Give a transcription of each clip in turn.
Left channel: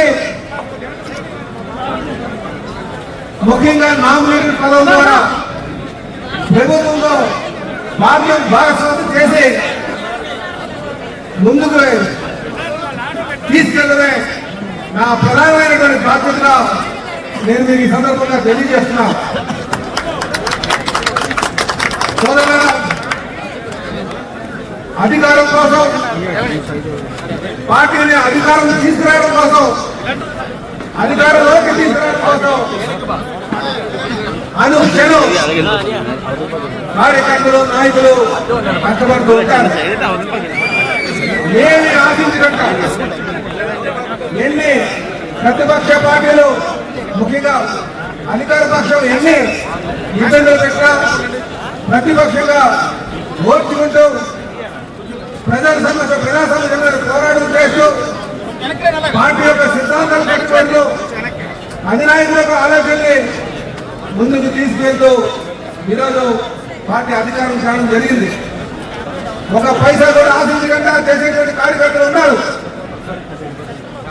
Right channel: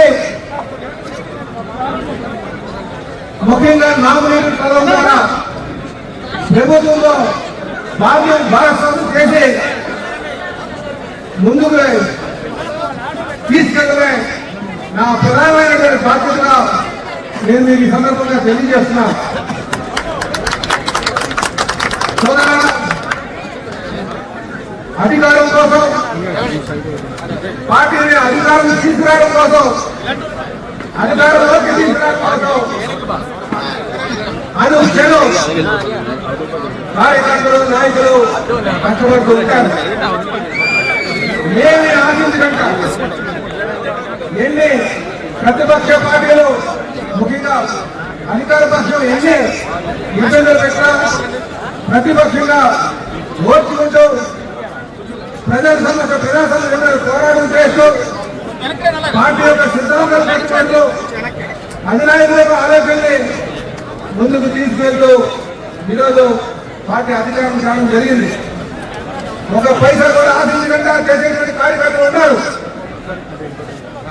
చేసి ముఖ్యంగా నామినేటెడ్ పదవి ద్వారా ప్రభుత్వంలో భాగ్యం భాగస్వామ్యం చేసి ముందుకు తీసుకెళ్ళడమే నా ప్రధానమైనటువంటి బాధ్యతగా నేను మీకు ఈ సందర్భంగా తెలియజేస్తున్నాను అధికారం కోసం పార్టీని అధికారం తీసుకురావడం కోసం. అధికారంలోకి తీసుకురావడం కోసం? అనుక్షణం కార్యకర్తలు నాయకులు కష్టపడుతూ ఉంటారు. ఏమి ఆశించకుండా ఎన్ని ప్రతిపక్ష పార్టీలు? ముఖ్యంగా అధికార పక్షం ఎన్ని? ఇబ్బందులు పెట్టినా ప్రతిపక్షంగా ఓర్చుకుంటూ ప్రజల సమస్య ప్రజా సమస్యలు పోరాటం చేస్తూ పార్టీ యొక్క సిద్ధాంతాలు కట్టుబడులు అధినాయకుల యొక్క ఆలోచనని ముందుకు తీసుకెళ్తూ ఈరోజు పార్టీ అధికారం కావడం జరిగింది. ఒక పైసా కూడా ఆశించకుండా చేసేటువంటి కార్యకర్తలు ఉన్నారు.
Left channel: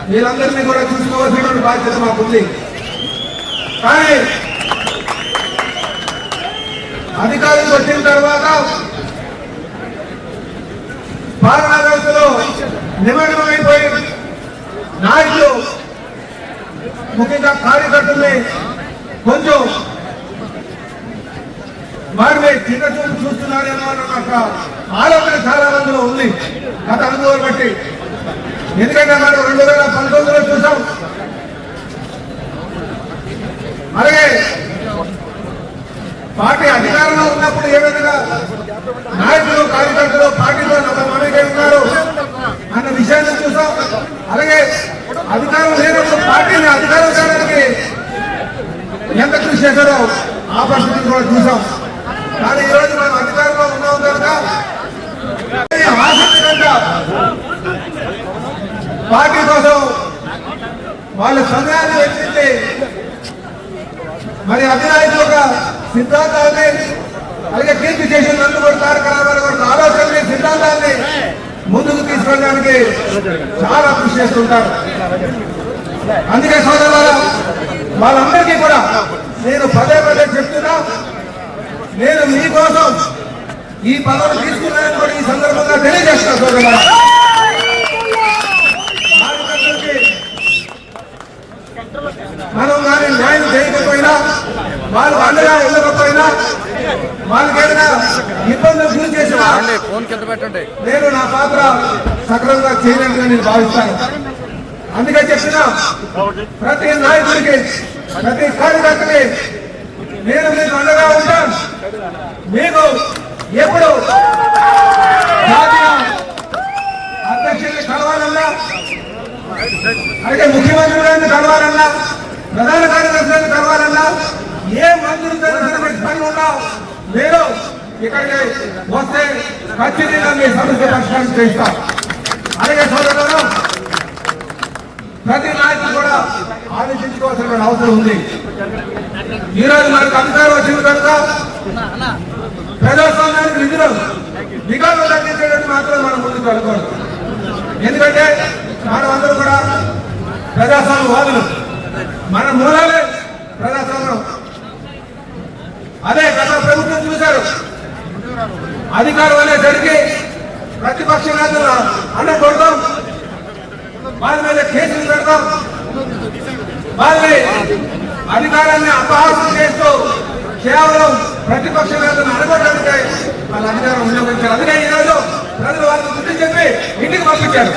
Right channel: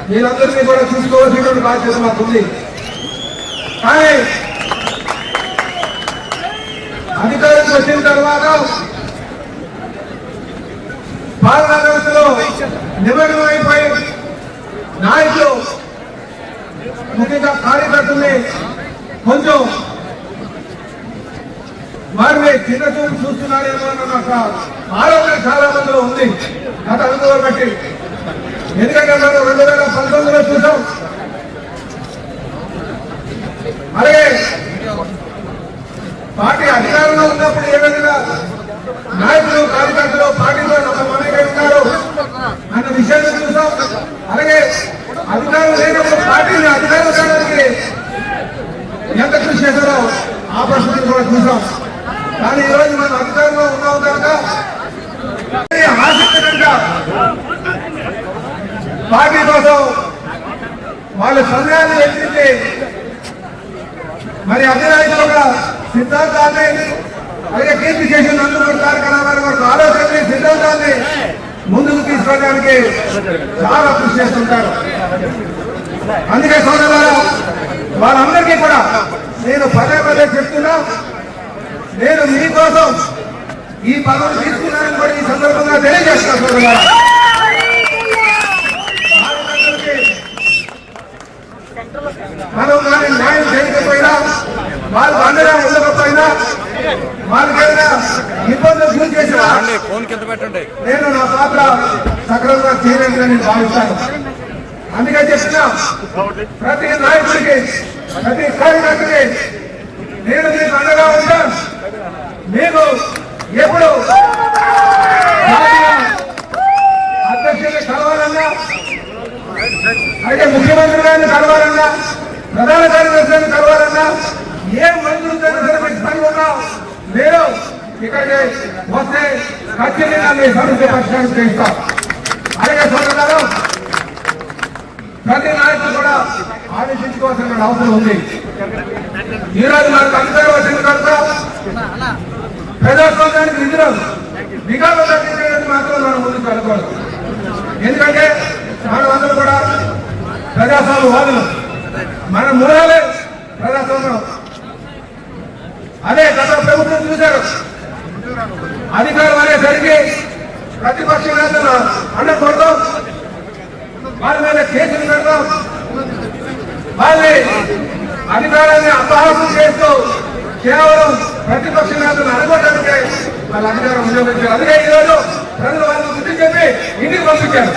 మీరందరినీ కూడా చూసుకోవాల్సినటువంటి బాధ్యత మాకుంది కానీ అధికారం వచ్చిన తర్వాత పాలనా వ్యవస్థలో నిమగ్నమైపోయి నాయకులు ముఖ్యంగా కార్యకర్తల్ని కొంచెం వారిని చిన్న చూపు చూస్తున్నారేమో అన్న ఒక ఆలోచన చాలా మందిలో ఉంది. గత అనుభవం బట్టి. ఎందుకంటే మనం రెండు వేల పంతొమ్మిదిలో చూసాం అలాగే పార్టీ అధికారంలో ఉన్నప్పుడు ఏ విధంగా నాయకులు కార్యకర్తలు పార్టీలో ఉన్నారు అన్న విషయాన్ని చూసాం అలాగే అధికారం లేనప్పుడు పార్టీని అధికారం చేయడానికి ఎంత కృషి చేశారో ఆ పరిస్థితిని కూడా చూసాం. కానీ ఈరోజు మనం అధికారంలో ఉన్నాం కనుక ఆసక్తి కనుక పార్టీ కోసం వాళ్ళ సమయాన్ని వెచ్చించి మరి అధినాయకులు ఒక సిద్ధాంతాన్ని అలాగే కీర్తి చేసిన నందమూరి తారక రామారావు గారి ఆలోచనని సిద్ధాంతాన్ని ముందుకు తీసుకోవడానికి చాలా కృషి చేస్తుంటారు. అందుకే సోదరు వాళ్ళందరికీ కూడా నేను పదే పదే చెప్తున్నా. నేను మీకోసం ఈ పదవి తీసుకున్నాను కూడా ఈ సందర్భంగా తెలియజేస్తాను మనం కానీ న్యాయం చేయకపోయినా వాళ్ళకి అండగా ఇవ్వకపోయినా వాళ్ళకైనా ఇబ్బందులు గురి అండి ఫోన్ కింద పెట్టండి. నేను నా పాత్ర సక్రమంగా చేయలేదని నేను భావిస్తాను. అందుకే చెప్పిన ప్రతి నాయకుడికి ప్రతి కార్యకర్తకి నేను మీకు అండగా ఉంటాను. నేను ఎప్పుడు జాతీయ అధ్యక్షులు కావాలన్నా అయితే ముఖ్యమంత్రి గారిని కలవాలన్నా ప్రధాన కార్యదర్శులను కలవాలన్నా ఏ మంత్రులతో పని ఉన్నా నేను ఇక్కడికి వస్తే ఖచ్చితంగా మీ సమస్య పరిష్కారం చేస్తాను అలాగే సోదరులారు ప్రతి నాయకులు కూడా ఆలోచించుకోవాల్సిన అవసరం ఉంది. ఈరోజు మనకు అందరూ వచ్చిన నిఘాలో తగ్గించడానికి మాత్రం మనం ముందుకు వెళ్ళకూడదు. ఎందుకంటే వాళ్ళందరూ కూడా ప్రజాస్వామ్య వాదులు. మన మూలాలే ప్రజాస్వామ్యం. అదే గత ప్రభుత్వం చూశారు. అధికారం అనేసరికి ప్రతిపక్ష నేతలు అడ్డం కొడతాం వాళ్ళ మీద కేసులు పెడతాం. వాళ్ళని అధికారాన్ని అపహాసం చేస్తూ కేవలం ప్రతిపక్ష నేతలు వాళ్ళ అధికారం వినియోగించారు అందుకే ఈరోజు ప్రజలు వాళ్ళని బుద్ధి చెప్పి ఇంటికి పంపించారు.